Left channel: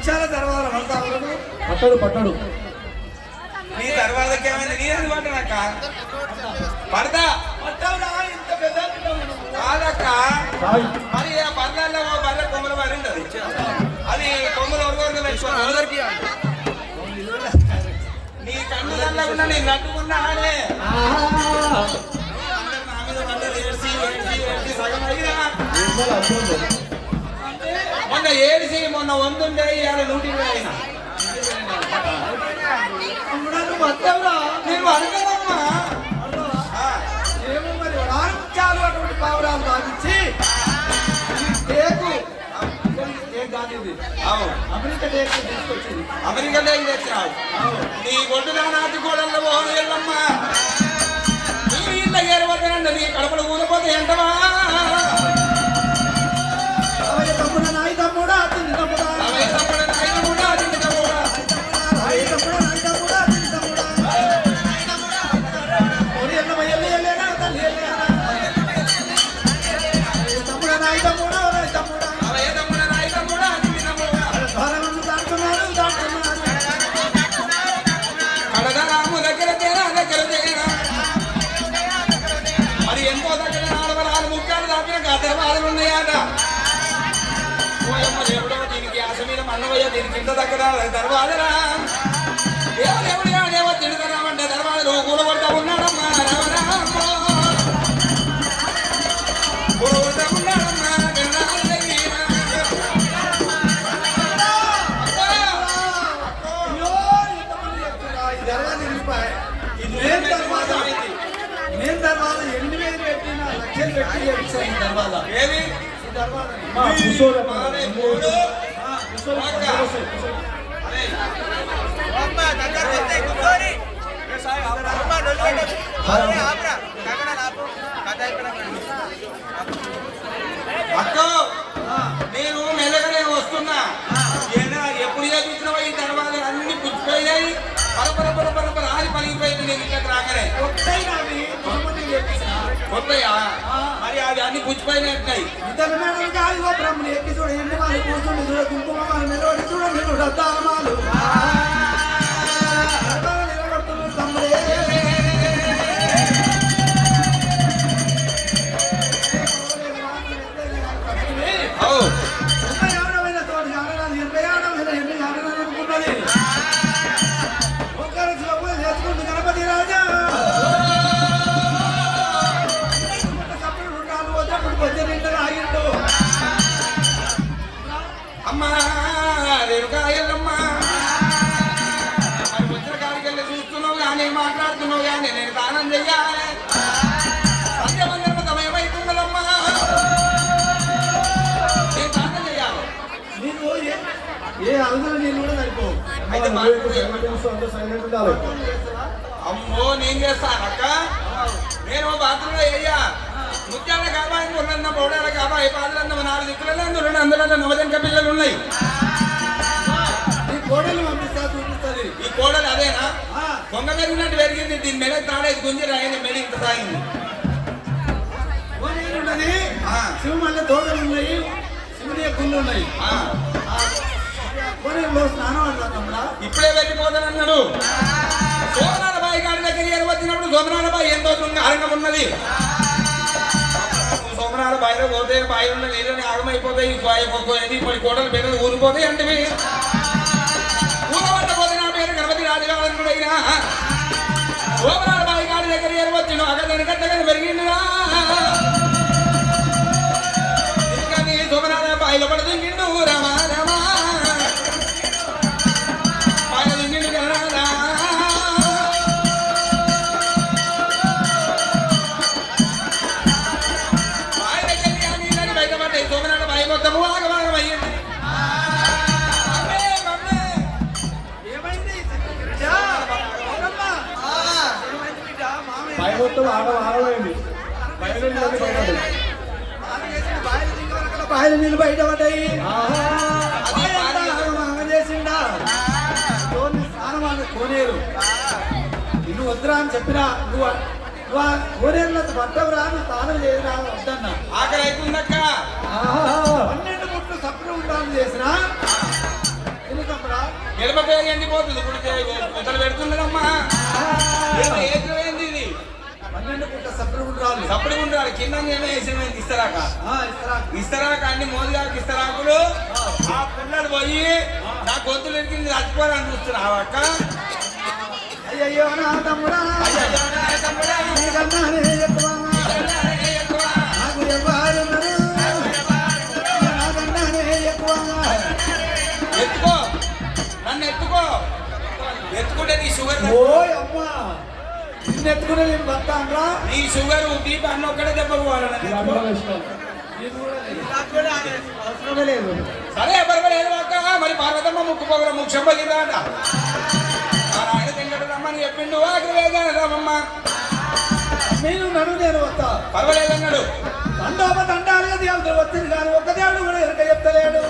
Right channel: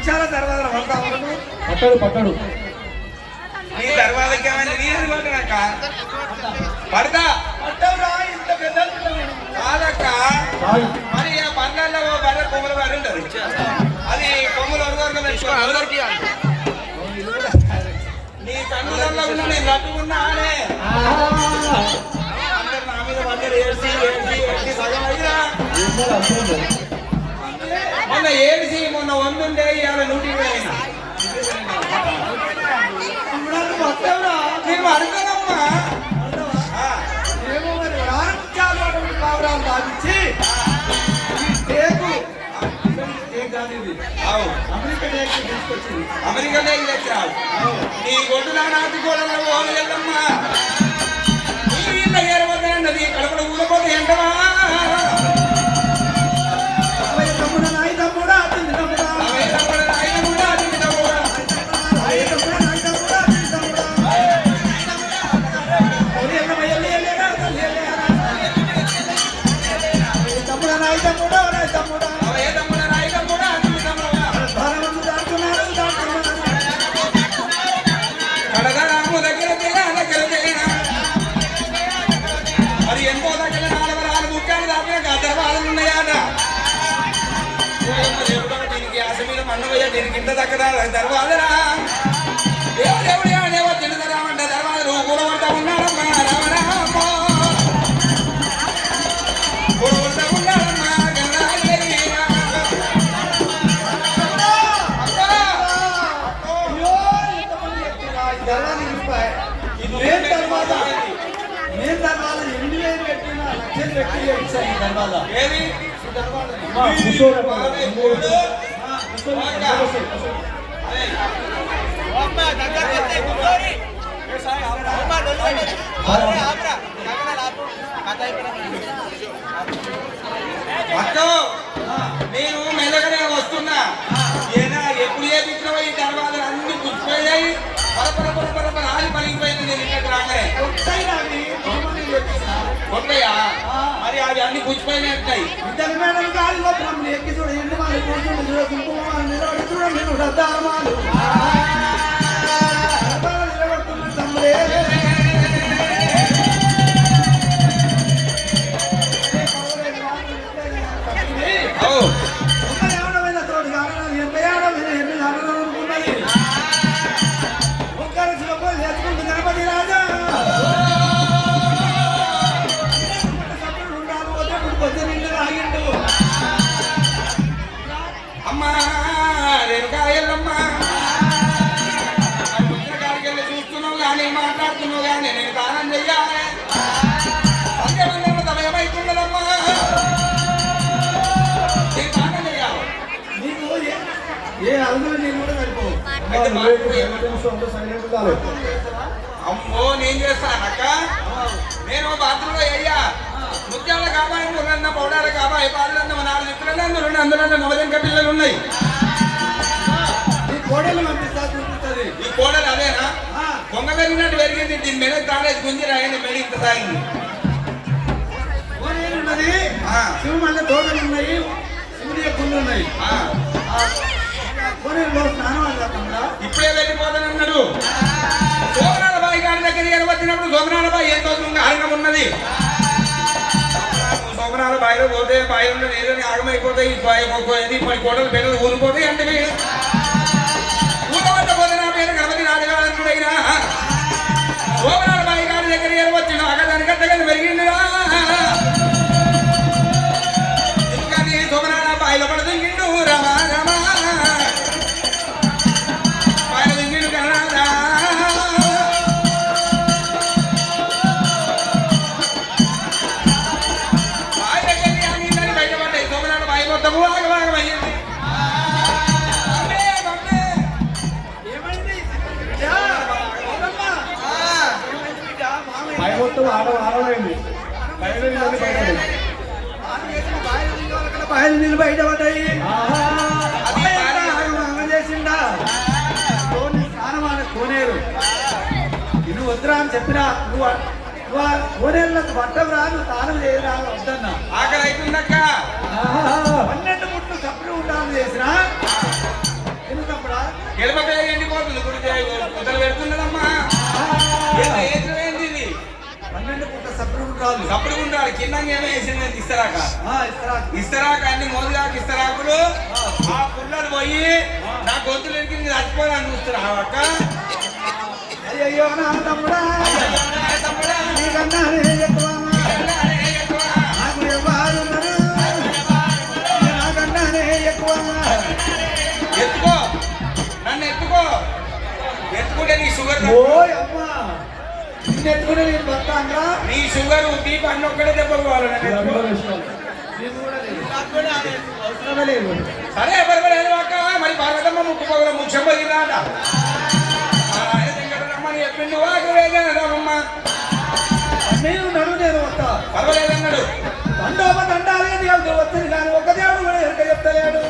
నిమిషాల తర్వాత పడతావు పట్టడు నీ తర్వాతకి ఏమైనా నీ అనుకుంటున్నాక పడతా పట్టావురా ఇంత పెద్ద కాదక్క. మరి ఆ బండ్లలో బర్రె కొమ్మల బర్రె ఉంటది, అది కొమ్మలు వరకు పెట్టుకోవాలి. నీ కన్నులలో ఉన్న నేను నట్టుకున్నానే అందరు నా మీద అందరు ఏడ్చి సగం అయినా మొన్న ఏడిసి మొన్న 100 ఉంటే ఇవాళ 120 అయినా నేను అడగనమ్మా. ఏమో మరి రాను అటువంటి పావురాలు దాటించి టేకు అమెరికా టేకు తీసుకొచ్చింది. అమెరికా టేకు తెచ్చినావు నీ గొడ్డులా నాటి గోడల్లో పోగలమ్మా. నీ ఇళ్ళ ఏరవద్దనండి కడపలు ఊరిపోతే ఎంటవా మరి ఎంతో దగ్గర 4 ముఖ్యాలు దాపిన గర్భాలు ఉన్నాయట. ఎప్పుడేమో దీనికి ఆశ మీద మన్నవయ్య దీనికి ఇంత దగ్గర దర్వాదరా ఎవడేవో తిడతామంటే దర్వాద నువ్వు కూడా కొడతా ఉన్నాడమ్మా. రామరామో కూడా కొడతా ఉన్నాడమ్మా. నేను దర్వాజా 8,000 పెట్టిన 1,00,000 పెట్టి దర్వాజా ఏమి నేను మెల్లగానే వస్తున్నా. ఏనా ఎప్పుడు చేపించినవో ఈ తర్వాత అన్ని పుచ్చిపోయాయి. పరపర ఆది పలిగిపోయింది. నేను ఇక్కడికి రాగానే కొత్తయా మరి అవి అన్ని పుచ్చిపోయినాయి. ఇద్దరు మేడం గాలిలో బ్రహ్మలు ఎక్కి చూడ ఎన్ని వాళ్ళు కూర్చుండి చూడ కుంకుమాలు నిలబడి చూడండి శ్రద్ధాలమాలు నిలబడుతున్నారు తమ్ముడే. అమ్మా రేణుకాయలమ్మా మరి వచ్చిన కాడికి వెళ్ళి చూస్తున్నావు కానీ మాట్లాడుతున్నావు కానీ నేను దానం చెయ్యాలి. సంధ్యమందరూ సమయమైతున్నదమ్మా. నేను దానం చెయ్యాలి. నీకు ఏ అలగలు నేను కూడా సరిపోవు. అమ్మో నేను చేస్తానక్క. నేను బాత్రూంలో అయ్యా ముత్యాల కాబాయి మురన్న పౌడాల కాబాయి పాలన్న 4 దిక్కులలో అందులో నవజంక పిల్లలు ఉన్నాయి. ఈ కోడలు పంపిస్తా చూపిస్తుంది. ఈ కోడలు అదేనా కొంగ పెరిగినట్టు పెరిగింది. దీని మెడ తాడేసి గుంజి రాయని మెడ ఇంత సాగింది. ఉన్నది శివ మళ్ళీ తోటలు ఉన్నాయి, శివుని గుళ్ళు ఉన్నాయి. ఇప్పుడే వెళ్ళిపోతానన్నాడు. సోమనాథ బాయి గారి దగ్గర వచ్చినప్పుడు సోమనాథ బాయి ఎంతో ఆరంగం ఉన్నది. సోమనాథ బాయిలో పోతే బాయిలో నీరు ఆగమైపోతాయి. ఇప్పుడు కోటలు పెద్దలు ఊరిపోతాయి. అంటే ఊరవద్ద పోతే నా మీద గణపతి రాజగారని కూడా అయినా సోమనాథ బాయి గారి దగ్గర వచ్చిన అగదాని కట్టగానే పెరిగిందిరా. ఎందుకని సోమనాథ బాయిలో పడుతుండు రమా రమా బాయిలు నీళ్ళు బయట పడ్డాయి. చేసిండా స్నానం అని కోనేరు ఇల్లు వద్దురా అని చెప్పినా నువ్వు కోనేరులకు పట్టవురా అని స్నానం చేయరా వద్దన్నా. ఆకలి అవుతుందక్క. 12 ముట్లు సప్పుడు ఉండాలని చేసినా ఎడమ పేరు ఎండిపోతుంది గుడికి మొదలు పెడుతున్నదమ్మా ఏంది ఇది 12 పుట్ట సప్పుడు గుండ్రాలు సప్పుడు గుండాలి కింద ఏమో వేసేది ఇస్తరాక ఇస్తారాకు. ఇస్తరాక అన్ని మోదిరాకు ఇస్తరాకులు ఆ పుల్లలు పోయి నా గొంతులు ఎక్కి చచ్చిపోవాలని చూస్తున్నావు అక్క అయ్యయ్యో నా తమ్ముడా నీకన్నా నేనే ఎక్కువ. నాకు ఎవ్వరు ఉన్నారు? నాకన్నా నేనే ఎక్కువ. ఎత్తుకో నన్ను ఎత్తుకో ఎత్తుకుంటే నీ షుగర్ ఓయ్ అమ్మా నిన్నెత్తుకునే నేను బతాంగా. నీ షుగర్ బీపీ అన్న ఒక్కడే దెబ్బ పోవాలి నన్ను ఎత్తుకో. అవసరమే లేదు. సరే ఎవరు అక్క మరి పార్వతమ్మ ముక్కు పొగల ముఖ్యం పోయిందాట ఆయన తింగడమ్మని చెప్పిండు అక్కడ వేగానమ్మా నేను నడు నేను వస్తా. పర్వాలేదన్నాడు దండోప దండాలే దేవుడు వచ్చింది కానీ ఒక్క దేవుడు కూడా ఎరక చెప్తలేడు.